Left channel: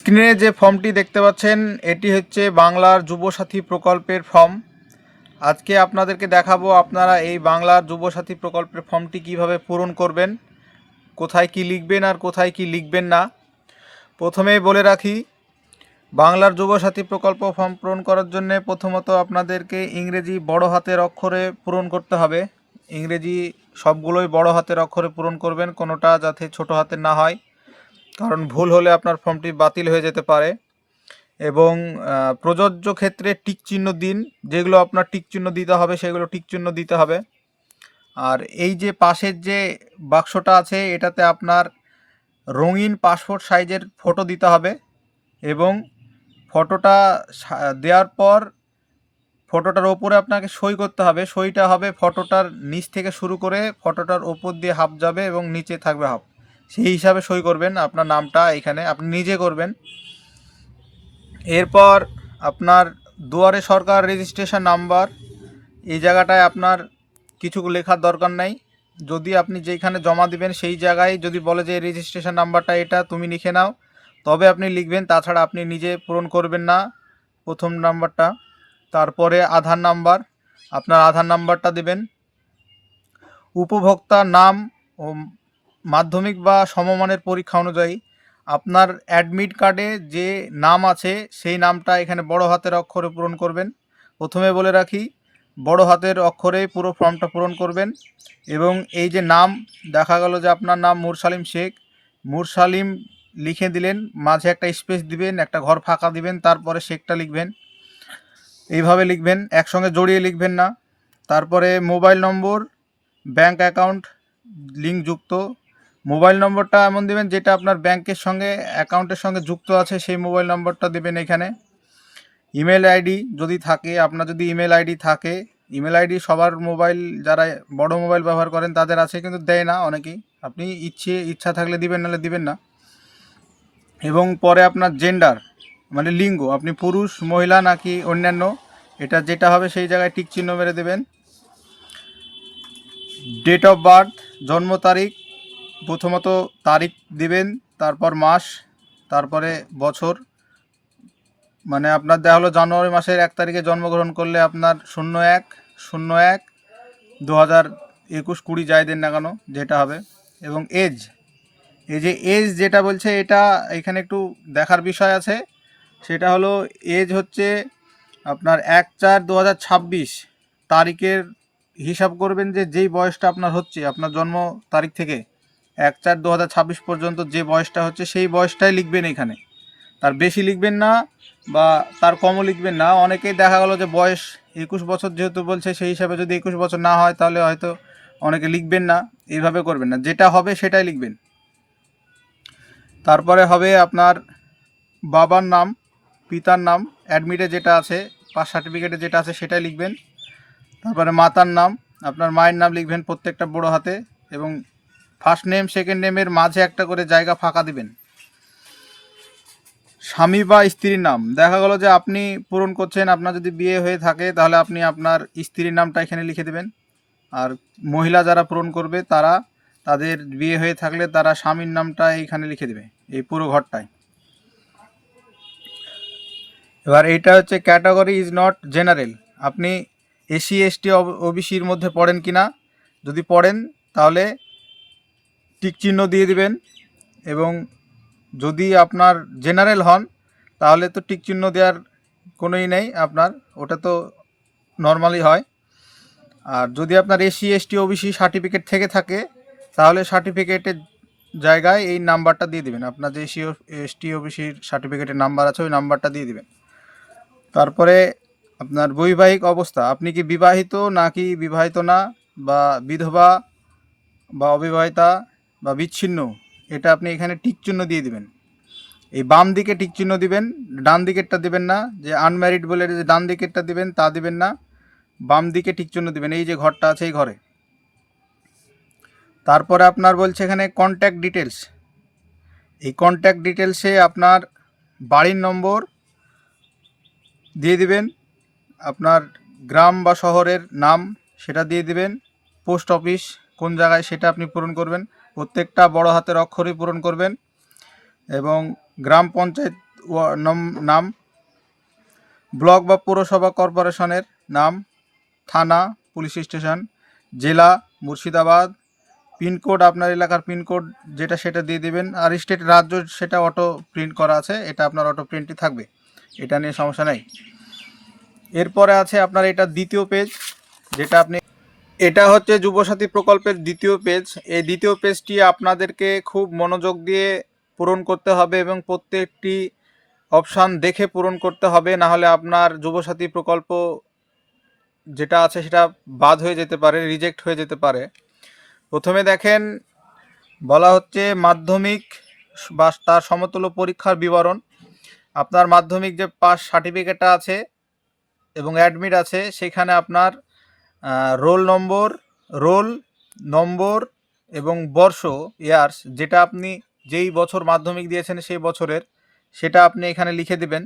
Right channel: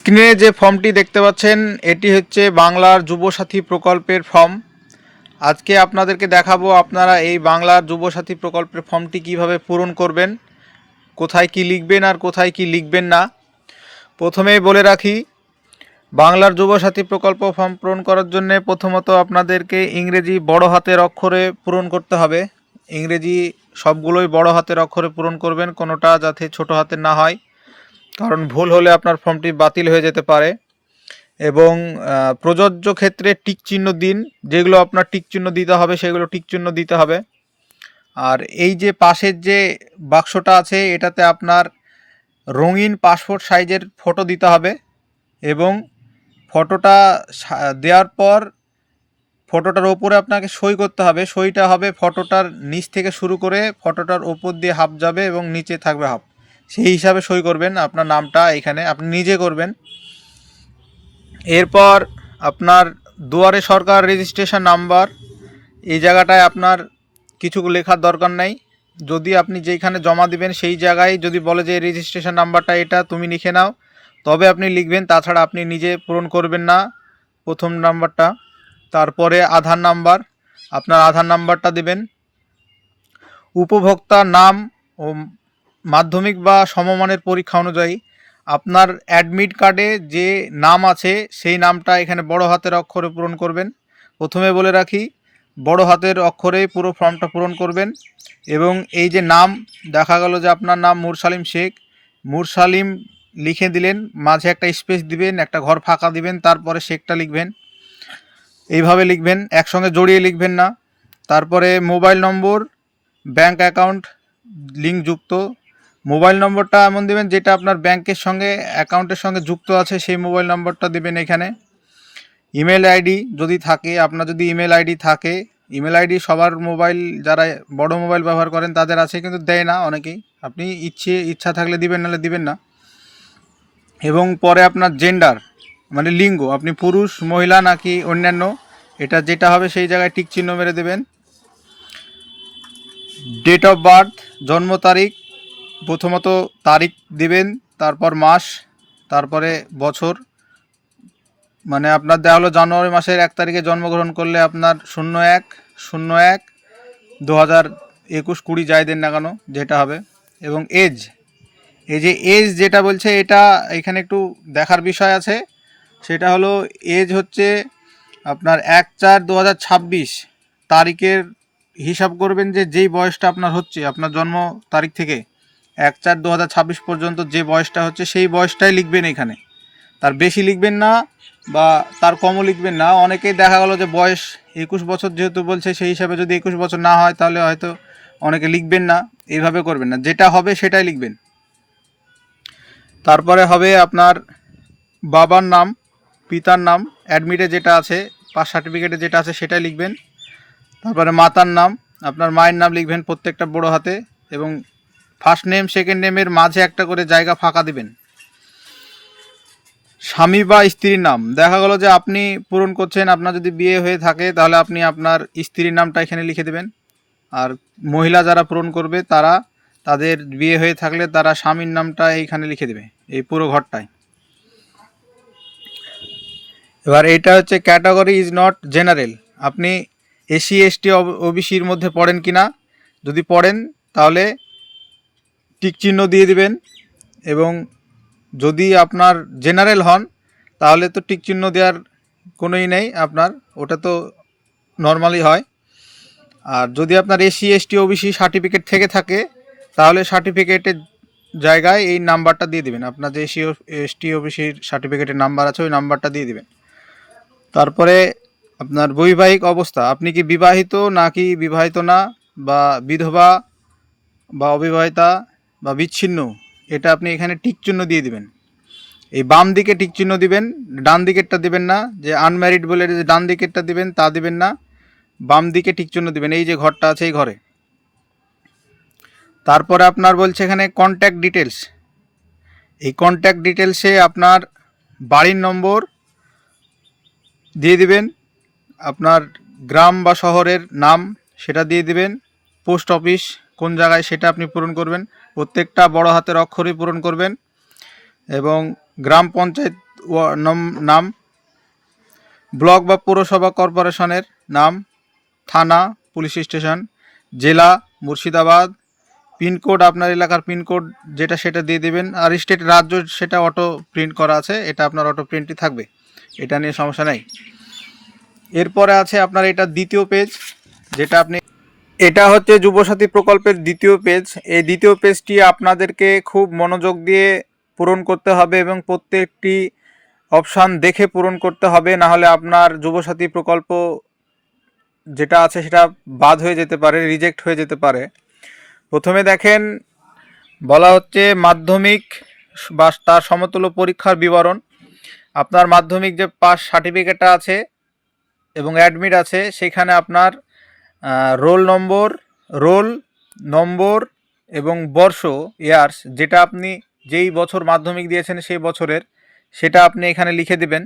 স্ক্রিনে যে ফর্মটি দেখতে পাচ্ছেন এটি হচ্ছে বাংলার যুবসাথী প্রকল্পের ফর্ম। আজকে আপনাদেরকে দেখাবো আপনারা এই বাংলার যুবসাথী প্রকল্পের ফর্মটি কিভাবে পূরণ করবেন, কোথায় কি লিখবেন আর কোথায় কি লিখবেন না। প্রথমেই বলে রাখি, বাংলার যুবসাথী প্রকল্প ফর্ম পূরণ করার জন্য প্রথমত আপনাদেরকে ইংরেজি বড় হাতের অক্ষরে পূরণ করতে হবে। ইংরেজি সবগুলোই বড় হাতের অক্ষরে পূরণ করবেন, কোনোটা যাতে ছোট হাতের না হয়, কারণ ভুল হলে আপনার ফর্মটি বাতিল হয়ে যেতে পারে। এবং প্রযোজ্য ক্ষেত্রে টিক চিহ্ন দিন, যেগুলো আপনার টিক চিহ্ন দিতে হবে সেগুলো টিক চিহ্ন দিতে হবে। আর এই যে পাশের যে বাক্সটা আছে এটাতে আপনার রঙিন পাসপোর্ট সাইজের ফটো দিতে হবে এবং ফটোটা দেওয়ার পর ফটোটার ওপরে আপনাকে সই করতে হবে। সইটা হবে ফটোটার নিচ থেকে শুরু করে ফটোটার ওপর দিয়ে হাফ যাবে এবং নিচে থাকবে হাফ, সেই হিসাবে সই করবেন। আপনার নামটা এখানে আপনি নিজে করবেন। এরপর আপনার দুয়ারে সরকার রেজিস্ট্রেশন নাম্বার, এই জায়গাটায় আপনার কিছু লেখার দরকার নাই। যদি আপনি যেখানে জমা দিবেন সেই জায়গায় যদি বলে যে রেজিস্ট্রেশন নাম্বারটা এটা তুমি লিখে নাও, তবে আপনি লিখবেন, তাছাড়া আপনি নিজে পূরণ করবেন না প্রথম নাম্বারটা। তারপরে আধার নাম্বার, আপনার আধার নাম্বারটা দিবেন। উপভোক্তার নাম ও মাধ্যমিক বা সমমানের পরীক্ষা অনুযায়ী আপনার অ্যাডমিট কার্ডে যে নাম আছে সেই নামটা এখানে বড় হাতের অক্ষরে পূরণ করবেন। প্রথমে বলে রাখি, বড় হাতের অক্ষরে পুরো ফর্মটা পূরণ করবেন। এবং এই যে নাম দেখা গেল যে আপনার নাম মুরসালিম শেখ, মুরসালিম লিখে দিলেন, মাঝে একটা স্পেস দিবেন, একটা ঘর ফাঁকা দিবেন, তারপরে শেখটা লিখবেন। এইভাবে লিখবেন, একসঙ্গে জড়িয়ে লিখবেন না। তারপরে মোবাইল নম্বর, ব্যাংক অ্যাকাউন্ট লিঙ্কযুক্ত মোবাইল নম্বরটা এমন দেবেন যেটা আপনার ব্যাংকের সঙ্গে অ্যাকাউন্টের সঙ্গে যুক্ত আছে, সেই মোবাইল নম্বরটা দেবেন এখানে। ইমেল আইডি যদি থাকে, আপনার যদি ইমেল আইডি থাকে, ইমেল আইডি সবার মোবাইল, যারা বড় মোবাইল ব্যবহার করেন তাদের আছে, কিন্তু দেয় না অনেকেই। আপনি ইচ্ছা থাকলে দিবেন, নাহলে দিবেন না। এবং পরে আপনার জেন্ডার মানে লিঙ্গ, আপনি পুরুষ মহিলা নাকি অন্যান্য, এটা যেটা হবে সেই জায়গায় টিক চিহ্ন মেরে দেবেন। ডেট অফ বার্থ, জন্ম তারিখ, প্রথমত তারিখ দিবেন, তারপর মাস, তারপরে বছর। মানে আপনার দেওয়া হলো জানুয়ারি মাসের 1 তারিখে জন্মগ্রহণ করলে আপনার 01/01/2021 যাই দেন না কেন যেটা হবে। এবং এজ, এই যে এজ যেটা বলছে এটা এখানে একটু দেখার বিষয় আছে। সেটা হলো এজ হচ্ছে আপনার 1/4/2026 তারিখের হিসাব করবেন, যে যেই বয়সটা আপনার হচ্ছে আপনার জন্ম তারিখ থেকে 1/4/2026 পর্যন্ত যে বয়সটা হচ্ছে সেই বয়সটাই লিখবেন এখানে, তার বেশি লিখবেন না বা তার কমও লিখবেন না। অনেকেই দেখা গেল যে বয়স 21 বছর যেহেতু বলছে, সেই হিসাবে যদি 21 বছর না হয় তাহলে হয়তো অনেকে লিখবেন না। এইভাবে করবেন না, যেটা হবে সেটাই লিখবেন। তারপরে হবে আপনার বাবার নাম, পিতার নাম, অ্যাডমিটে যেটা আছে, পাস সার্টিফিকেটে যেটা আছে সেটাই লিখবেন। তারপরে মাতার নাম, আপনার মায়ের নাম লিখবেন প্রত্যেকটা বড় হাতে, এবং ফার্স্ট নেম সেকেন্ড নেমের মাঝে একটা করে জায়গা ফাঁকা দিবেন। স্বামী বা স্ত্রীর নাম, দেখা গেল যে আপনি পূরণ করছেন, আপনার যদি বিয়ে হয়ে থাকে তাহলে আপনি আপনার স্ত্রীর নামটা এখানে লিখে দেবেন। আর মহিলা যারা পূরণ করবে তারা, তাদের বিয়ে হয়ে থাকলে তারা স্বামীর নামটা এইখানে লিখে দেবে, এই পুরো ঘরটায়। এবার এটা হচ্ছে ক্যাটাগরি ইজ নট জেনারেল, আপনি এসসি এসটি ওবিসির মধ্যে পড়েন কি না, যদি পড়েন তাহলে টিক চিহ্ন দিয়ে দিবেন। এবং যদি আপনার জেনারেল হন তাহলে তো টিক চিহ্ন দেওয়ার কোনোই নেই, আপনার ওটা তো নর্মালি হয়। আর যদি আপনার এসসি এসটি ওবিসি সার্টিফিকেট থেকে থাকে তাহলে সার্টিফিকেটের জায়গায় এই নাম্বারটা দিয়ে দিবেন, আপনার যে এসসি এসটি ওবিসির সার্টিফিকেটের নাম্বার আছে ওই নাম্বারটা দিয়ে দিবেন। তারপরে আপনার বৈবাহিক অবস্থা, আপনি কি বিবাহিত নাকি বিবাহিত না, বা বিধবা বা অবিবাহিতা বা বিচ্ছিন্ন, এটা আপনি এখানে টিক চিহ্ন দিয়ে দিবেন। এই বাম দিকে টিক চিহ্ন দিবেন, ডান দিকেরটা দিবেন না। যে আনম্যারিড বলে যে ডান দিকেরটা দিবেন তা দিবেন না, বাম দিকে টিক চিহ্ন দিবেন, এই যে ঘরটা আছে এই ঘরে। তারপরে আপনার বলছে এখানে কন্ট্যাক্ট ডিটেলস, এই কন্ট্যাক্ট ডিটেলসে আপনার বাড়ির নম্বর দিয়ে দিবেন, আপনার গ্রাম বা শহরের নাম সেটা দিয়ে দিবেন, পোস্ট অফিস কোন জায়গায় সেটা আপনি পূরণ করবেন, প্রত্যেকটা বড় হাতের অক্ষরই পূরণ করবেন। এবং গ্রাম পঞ্চায়েত নাম, ব্লক বা পৌরসভা কর্পোরেশনের নাম, থানা, পুলিশ স্টেশন, জেলা মুর্শিদাবাদ, পিনকোড আপনার এলাকার পিনকোড যেটা সেটা দিয়ে দেবেন। আর স্টেট রাজ্য সেটা অটো প্রিন্ট করা আছে, এটা আপনার অটো প্রিন্টই থাকবে, এটা নিয়ে সমস্যা নেই। এরপরে আছে আপনার এটা দ্বিতীয় পেজ, যেটা আপনি, এটা হচ্ছে যুবসাথী প্রকল্পের দ্বিতীয় পেজ। এই দ্বিতীয় পেজটি আপনাদেরকে খুব মনোযোগ দিয়ে পূরণ করতে হবে এবং প্রত্যেকটি অপশান দেখে পূরণ করতে হবে, না হলে আপনার যুবসাথী প্রকল্প যেটা আছে সেটা বাদ হয়ে যেতে পারে, রিজেক্ট হয়ে যেতে পারে। প্রথমে দেখেন বলা হচ্ছে মাধ্যমিক বা তার সমতুল্য পরীক্ষার বিবরণ। আপনার মাধ্যমিক যে পাস সার্টিফিকেটটা আছে এবং অ্যাডমিট আছে, সেখানে আপনার রোল নম্বর এবং বর্ষ, ইয়ার্স, যেটা আপনি যেই বছর মাধ্যমিক দিয়েছেন সেই বছরের, সেটা আপনি এখানে লিখে দেবেন।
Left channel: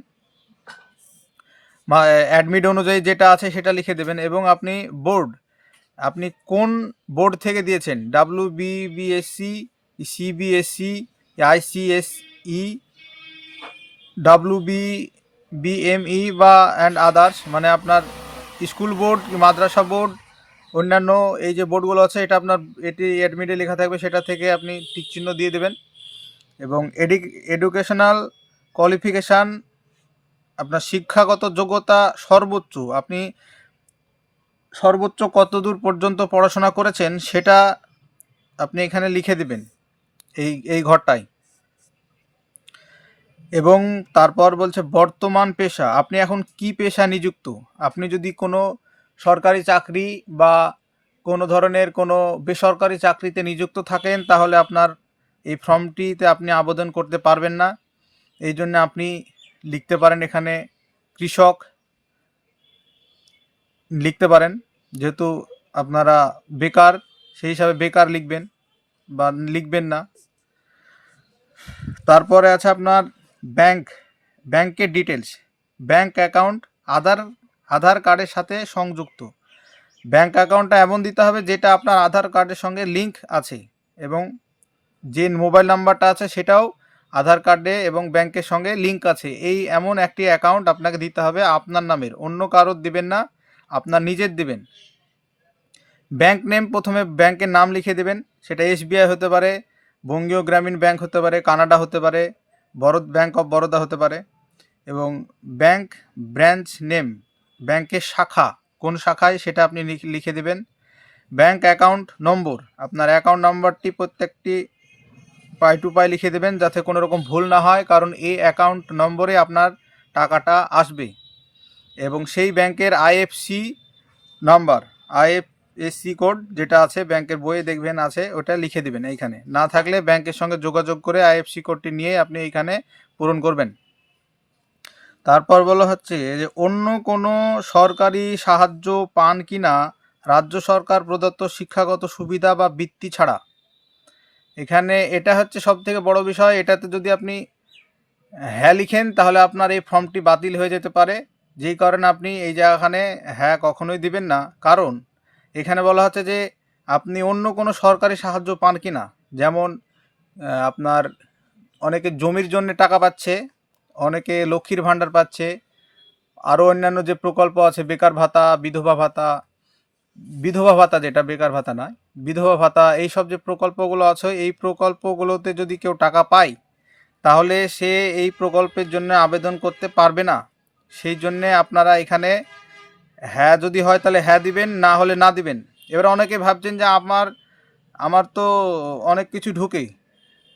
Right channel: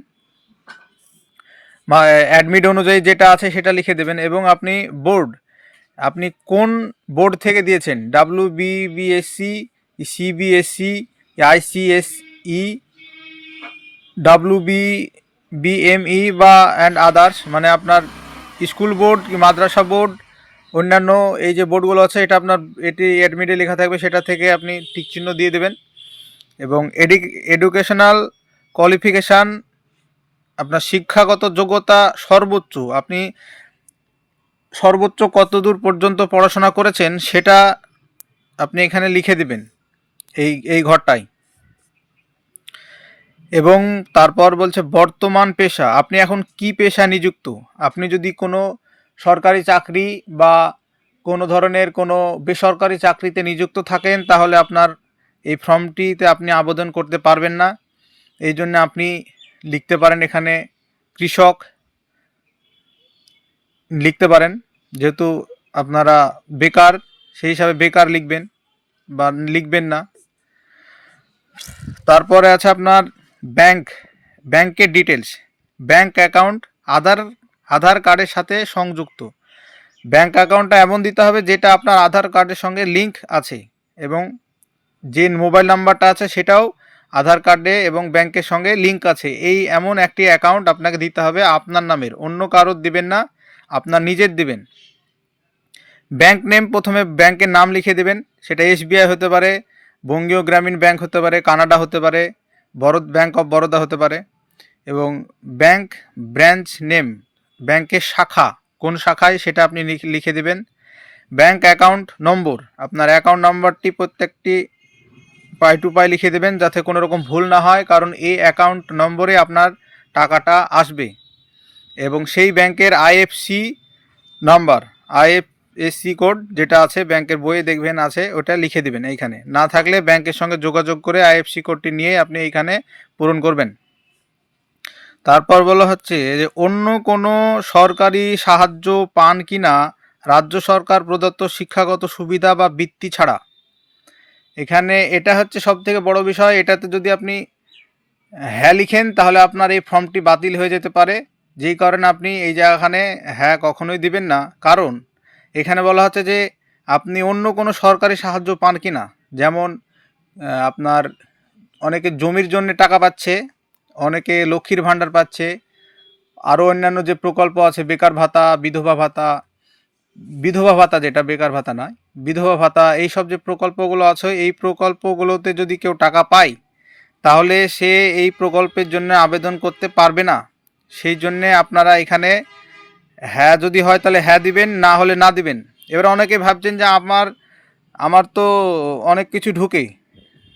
অ্যাডমিট অনুযায়ী যেটা আছে সেটা লিখে দেবেন। এবং আপনি বোর্ড, আপনি কোন বোর্ড থেকে দিয়েছেন, WBBSC, CBSE, ICSE, WBBME বা অ্যান্ড আদার্স, মানে আপনার স্কুল বোর্ড কি মাদ্রাসা বোর্ড, অন্যান্য এই যে বোর্ডগুলো আছে, এটা আপনার এটি অ্যাডমিটে লেখা থাকবে, সেটা থেকে আপনি টিক চিহ্ন দিয়ে দেবেন। এবং এডুকেশনাল কোয়ালিফিকেশান, আপনার শিক্ষাগত যোগ্যতা সর্বোচ্চ, আপনি সর্বোচ্চ কতদূর পর্যন্ত পড়াশোনা করেছেন সেটা আপনি এখানে লিখে দিবেন এই ঘরটায়। এবং তারপর বলছে বর্তমান পেশা, আপনি এখন কি পেশা নিযুক্ত। আপনি যদি কোনো সরকারি চাকরি বা কোনো ধরনের কোনো বেসরকারি চাকরিতে নিযুক্ত থাকেন, তাহলে আপনার এই ফর্মটিতে আপনি আবেদন করতে পারবেন না। এই জন্য আপনি লিখতে পারেন এখানে কৃষক লিখতে পারেন, যেহেতু আপনারা বেকার, সেই হিসাবে বেকার লিখবেন বা লিখবেন না। তারপরে আছে আপনার ব্যাংকের ডিটেলস, ব্যাংক অ্যাকাউন্ট আধার কার্ডের সাথে সংযুক্ত। ব্যাংক অ্যাকাউন্টটা এমন দিতে হবে যেটা আপনার আধার কার্ডের সঙ্গে লিঙ্ক আছে, এবং যে মোবাইল নাম্বারটা আছে সেটাও আধার কার্ডে এবং ব্যাংকের সঙ্গে লিঙ্ক আছে। এই এমন একটি অ্যাকাউন্ট আপনাকে দিতে হবে, আপনার নামের, অন্য কারোর দিবেন না, আপনার নিজের দিবেন। ব্যাংক নেম, প্রথমে ব্যাংকের নাম লিখে দেবেন, সেটা SBI হতে পারে, বঙ্গীয় গ্রামীণ ব্যাংক হতে পারে, কানাডা হতে পারে, ব্যাংক অফ বরোদা হতে পারে। এবং ব্যাংক ব্রাঞ্চ নেম, ব্যাংকের শাখা কোন শাখায় সেটা আপনি লিখে দেবেন। ব্যাংক অ্যাকাউন্ট নম্বর, আপনার অ্যাকাউন্ট নাম্বারটি প্রত্যেকটি পাই টু পাই লিখে দেবেন, যাতে কোনো রকম ভুল না হয়, কারণ এই অ্যাকাউন্ট নম্বরে আপনার টাকাটা আসবে। এবং সেই ব্যাংকের IFSC নাম্বার, IFSC কোড যেটা আছে ব্যাংকের বইয়ে দেখবেন আছে, ওটা লিখে দেবেন এইখানে। না থাকলে ব্যাংকের সঙ্গে যোগাযোগ করে IFSC কোডটি নিয়ে আপনি এইখানে পূরণ করবেন। তারপর বলা হচ্ছে যে অন্য কোনো সরকারি সাহায্য পান কি না রাজ্য সরকার প্রদত্ত শিক্ষাগত সুবিধা বা বৃত্তি ছাড়া। এখানে এটা হচ্ছে সবথেকে বড় বিষয়। এটাতে যদি আপনি হ্যাঁ লিখেন, তাহলে আপনার এই ফর্মটি বাতিল হয়ে যেতে পারে। যেই কারণে আপনি এই জায়গাখানে হ্যাঁ কখনোই দিবেন না, কারণ এখানে বলা হচ্ছে যে আপনি অন্য কোনো সরকারি সাহায্য পান কি না। যেমন আপনার অনেকে জমির জন্য টাকা পাচ্ছে, অনেকে লক্ষ্মীর ভাণ্ডার পাচ্ছে, আরও অন্যান্য যে প্রকল্প আছে, বেকার ভাতা, বিধবা ভাতা যেটা বেকার ভাতা নয়, বিধবা ভাতা, এইসব যে প্রকল্পগুলো আছে, এই প্রকল্পগুলোতে যদি কেউ টাকা পায়, তাহলে সে এই প্রকল্পের জন্য আবেদন করতে পারবে না। সেই জন্যে আপনারা এখানে হ্যাঁ যদি হয় তাহলে হ্যাঁ দিবেন, না হলে না দিবেন। এবার অনেকে ভাবছেন যে আমার তো অনেক কিছু ঢুকে,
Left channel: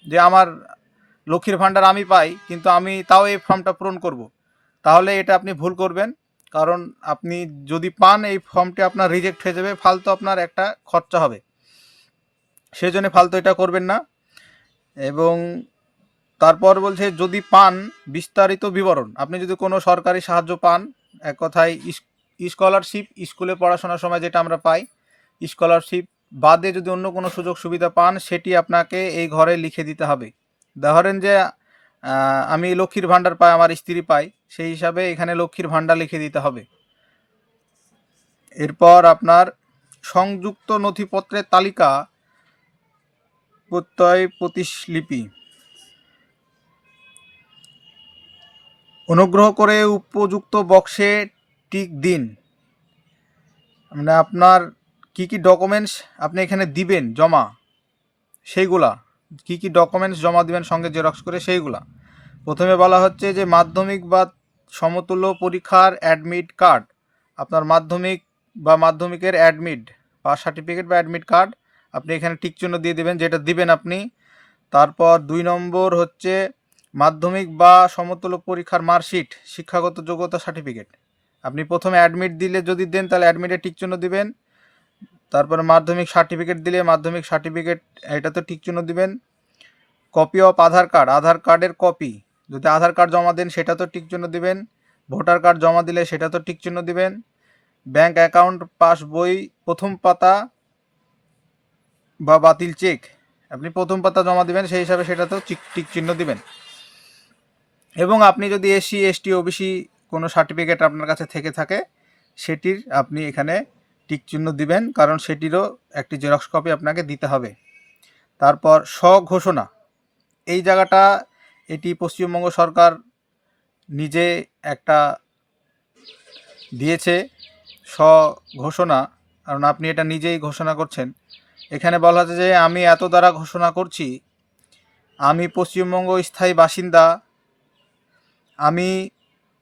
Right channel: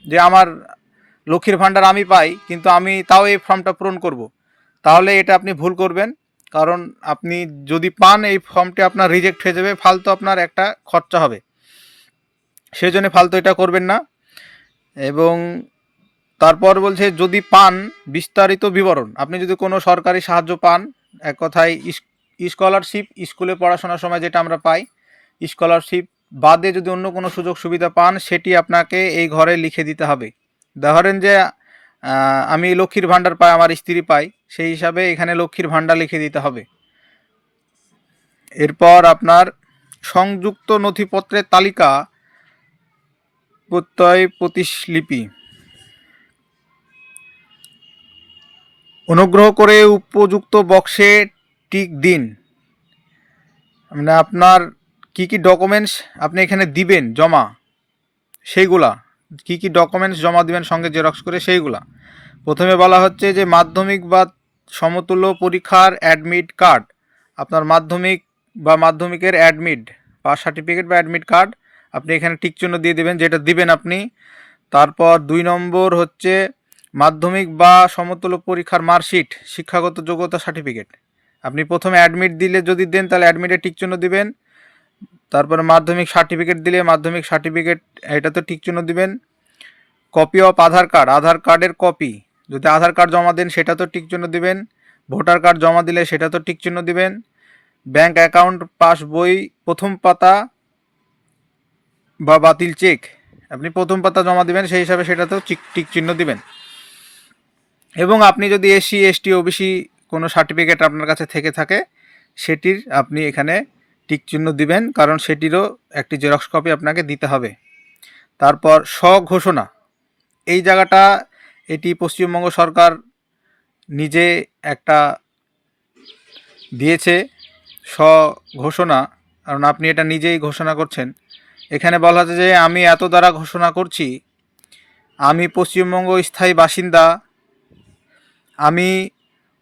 যে আমার লক্ষ্মীর ভাণ্ডার আমি পাই, কিন্তু আমি তাও এই ফর্মটা পূরণ করব, তাহলে এটা আপনি ভুল করবেন। কারণ আপনি যদি পান, এই ফর্মটি আপনার রিজেক্ট হয়ে যাবে, ফালতু আপনার একটা খরচা হবে, সেই জন্য ফালতু এটা করবেন না। এবং তারপর বলছে যদি পান বিস্তারিত বিবরণ, আপনি যদি কোনো সরকারি সাহায্য পান, এক কথায় স্কলারশিপ, স্কুলে পড়াশোনার সময় যেটা আমরা পাই, স্কলারশিপ বাদে যদি অন্য কোনো সুযোগ সুবিধা পান, সেটি আপনাকে এই ঘরে লিখে দিতে হবে। ধরেন যে আমি লক্ষ্মীর ভাণ্ডার পাই, আমার স্ত্রী পাই, সেই হিসাবে এখানে লক্ষ্মীর ভাণ্ডার লিখে দিতে হবে। এরপর আপনার সংযুক্ত নথিপত্রের তালিকা, প্রত্যয় প্রতিলিপি, অনুগ্রহ করে উপযুক্ত বক্সে টিক দিন। মানে আপনার কি কি ডকুমেন্টস আপনি এখানে দিবেন জমা, সেইগুলা কি কি ডকুমেন্টস জমা দিবেন সঙ্গে জেরক্স করে সেইগুলা। প্রথমে বলা হচ্ছে যে মাধ্যমিক বা সমতুল্য পরীক্ষার অ্যাডমিট কার্ড, আপনার মাধ্যমিক বা মাধ্যমিকের অ্যাডমিট পাস সার্টিফিকেট বা অ্যাডমিট কার্ড আপনি এখানে টিক চিহ্ন দিয়ে দেবেন, যেটা দিবেন আপনি। তারপর 2 নম্বর হচ্ছে মাধ্যমিক বা সমতুল্য পরীক্ষার মার্কশিট, শিক্ষাগত যোগ্যতা সার্টিফিকেট। আপনি প্রথমে অ্যাডমিট দিলে যদি দেন তাহলে অ্যাডমিটে টিক চিহ্ন দিবেন। তারপরে মাধ্যমিক সার্টিফিকেট দিলে মাধ্যমিক সার্টিফিকেট এটাতে টিক চিহ্ন দিবেন। কপি অফ আধার কার্ড, আধার কার্ডের কপি যদি আধার কার্ড জমা দেন সেটা তো টিক চিহ্ন দিবেন। ভোটার কার্ড জমা দিলে সেটা তো টিক চিহ্ন দিবেন। ব্যাংক অ্যাকাউন্ট পাসবই প্রথম পাতা বা বাতিল চেক আপনি প্রথম পাতা জমা দিবেন, সেই হিসাবে সেটাতেও টিক চিহ্ন দিবেন। এবং আপনি যদি এসসি এসটি ওবিসি কোনো সার্টিফিকেট আপনার কাছে থেকে থাকে সেটির আপনি এখানে টিক চিহ্ন দিবেন, কারণ সেটিরও একটি জেরক্স কপি আপনাকে দিতে হবে। তারপর স্বঘোষণা, এই জায়গাটা এটি পশ্চিমবঙ্গ সরকার নিজে একটা দিয়েছে স্বঘোষণা, কারণ আপনি এটা নিজেই ঘোষণা করছেন। এখানে বলা আছে যে আমি এত দ্বারা ঘোষণা করছি, আমি পশ্চিমবঙ্গ স্থায়ী বাসিন্দা, আমি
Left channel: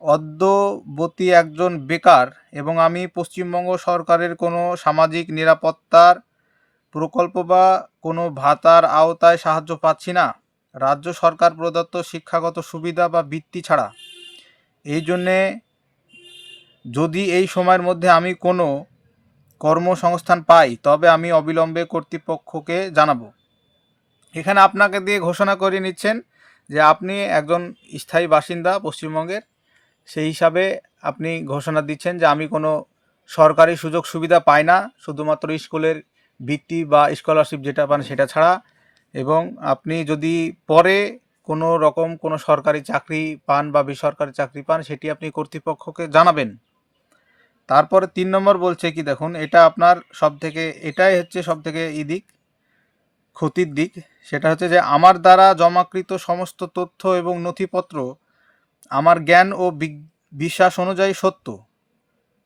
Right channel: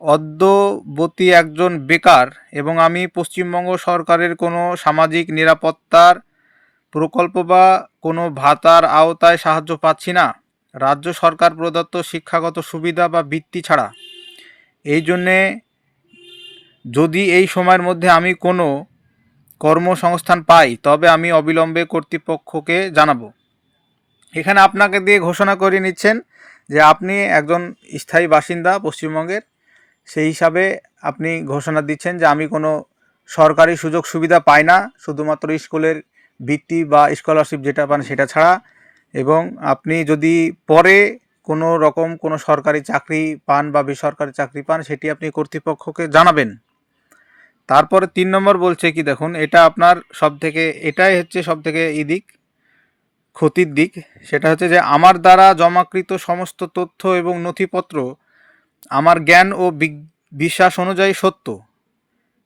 অদ্যবতী একজন বেকার এবং আমি পশ্চিমবঙ্গ সরকারের কোনো সামাজিক নিরাপত্তার প্রকল্প বা কোনো ভাতার আওতায় সাহায্য পাচ্ছি না, রাজ্য সরকার প্রদত্ত শিক্ষাগত সুবিধা বা বৃত্তি ছাড়া। এই জন্যে যদি এই সময়ের মধ্যে আমি কোনো কর্মসংস্থান পাই তবে আমি অবিলম্বে কর্তৃপক্ষকে জানাবো। এখানে আপনাকে দিয়ে ঘোষণা করে নিচ্ছেন যে আপনি একজন স্থায়ী বাসিন্দা পশ্চিমবঙ্গের, সেই হিসাবে আপনি ঘোষণা দিচ্ছেন যে আমি কোনো সরকারি সুযোগ সুবিধা পাই না, শুধুমাত্র স্কুলের বৃত্তি বা স্কলারশিপ যেটা পান সেটা ছাড়া। এবং আপনি যদি পরে কোনো রকম কোনো সরকারি চাকরি পান বা বেসরকারি চাকরি পান সেটি আপনি কর্তৃপক্ষকে জানাবেন। তারপরে 3 নম্বর বলছে কি দেখুন, এটা আপনার এটাই হচ্ছে সব থেকে দিক ক্ষতির দিক, সেটা হচ্ছে যে আমার দ্বারা জমাকৃত সমস্ত তথ্য এবং নথিপত্র আমার জ্ঞান ও বিশ্বাস অনুযায়ী সত্য।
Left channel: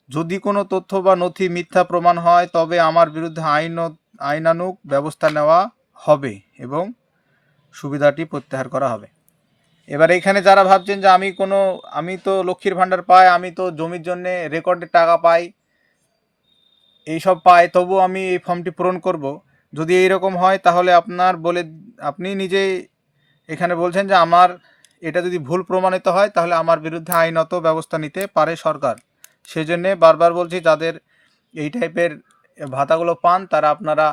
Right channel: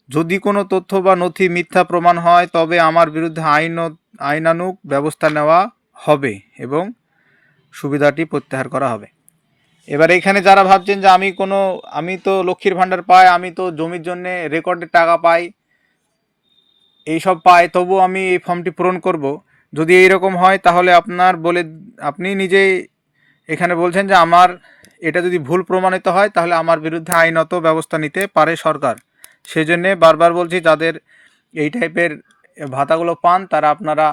যদি কোনো তথ্য বা নথি মিথ্যা প্রমাণ হয় তবে আমার বিরুদ্ধে আইনানুগ ব্যবস্থা নেওয়া হবে এবং সুবিধাটি প্রত্যাহার করা হবে। এবার এখানে যারা ভাবছেন যে আমি তো লক্ষ্মীর ভাণ্ডার পাই, আমি তো জমির জন্যে রেকর্ডের টাকা পাই, এইসব পাই, তবু আমি এই ফর্মটি পূরণ করব। যদি এইরকম হয় তাহলে আপনি নিজেই এখানে বলছেন যে আমার এটা যদি ভুল প্রমাণিত হয় তাহলে আমার বিরুদ্ধে আইনত ব্যবস্থা নিতে পারে সরকার। সেই জন্যে বারবার বলছি, যাদের এই টাইপের ভাতাগুলো পান তারা আপনারা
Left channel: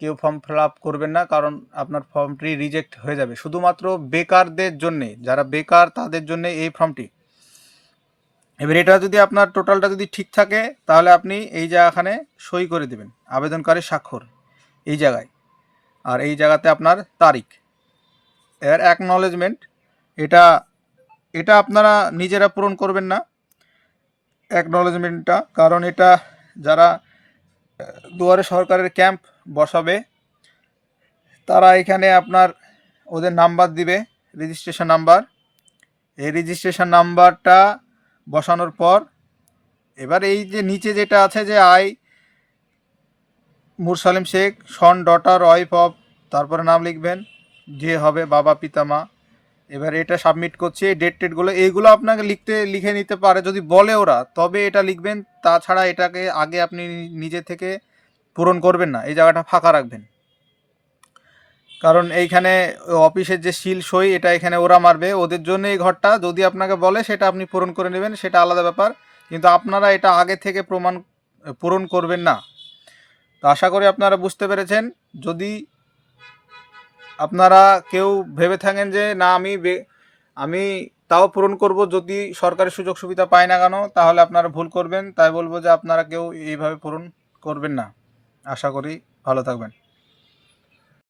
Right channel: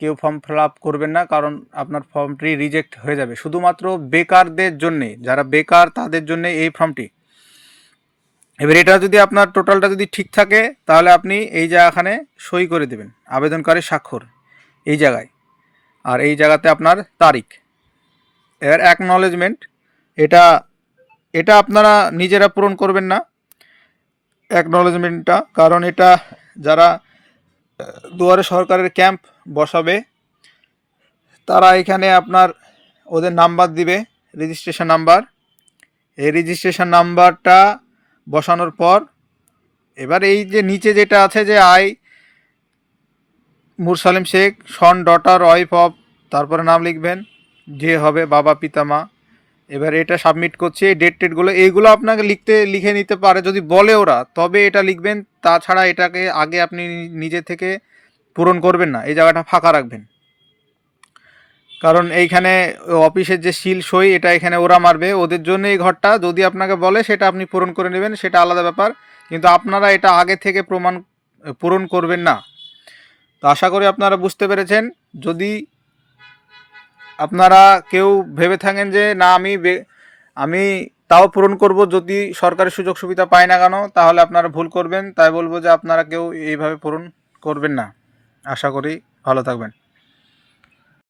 কেউ ফর্ম ফিল আপ করবেন না, কারণ আপনার ফর্মটি রিজেক্ট হয়ে যাবে। শুধুমাত্র বেকারদের জন্যে, যারা বেকার তাদের জন্য এই ফর্মটি। এবার এটা যদি আপনার টোটালটা যদি ঠিক থাকে তাহলে আপনি এই জায়গাখানে সই করে দেবেন, আবেদনকারীর স্বাক্ষর এই জায়গায়, আর এই জায়গাতে আপনার তারিখ। এর অ্যাকনলেজমেন্ট, এটা আপনারা নিজেরা পূরণ করবেন না অ্যাকনলেজমেন্টটা, কারণ এটা যারা দুয়ারে সরকারের ক্যাম্প বসাবে তারা এখানে আপনার ওদের নাম্বার দিবে, রেজিস্ট্রেশন নাম্বার। এই রেজিস্ট্রেশন নাম্বারটা বসানোর পর এবার এই যে নিচে যেটা আছে যে Mursalim Sheikh son daughter wife of, তারপরে নাম লিখবেন, যে হবে বাবা পিতা মা। এবার এটা সাবমিট করছি, এই ডেটগুলো এইগুলো আপনাকে লিখে নিতে পারে যদি বলে ওরা, তবে এটা লিখবেন। তাছাড়া এটাকে আগে আপনি নিজে থেকে পূরণ করবেন না, এই জায়গাটা ফাঁকা রাখবেন, কারণ এইখানে অফিসের যে সিল সই এটা এখানে ওরা মারবে, ওদের জন্য এই ঘরটা। যদি আপনাকে বলে সেটা আপনি পূরণ করে নেবেন, সেটা আলাদা ব্যাপার, কিন্তু আপনারা এটা আগে থেকে পূরণ করবেন না। তো আশা করি আপনারা বুঝতে পেরেছেন। যদি আপনারা কেউ ভেবে থাকেন যে না আমি তাও পূরণ করব যদি সরকারি সুযোগ সুবিধা পাই না কেন, তাহলে আপনারা ভুল করবেন। তাই বলবো যে আপনারা কেউ এইভাবে পূরণ করবেন না। আশা করি ভালো থাকবেন।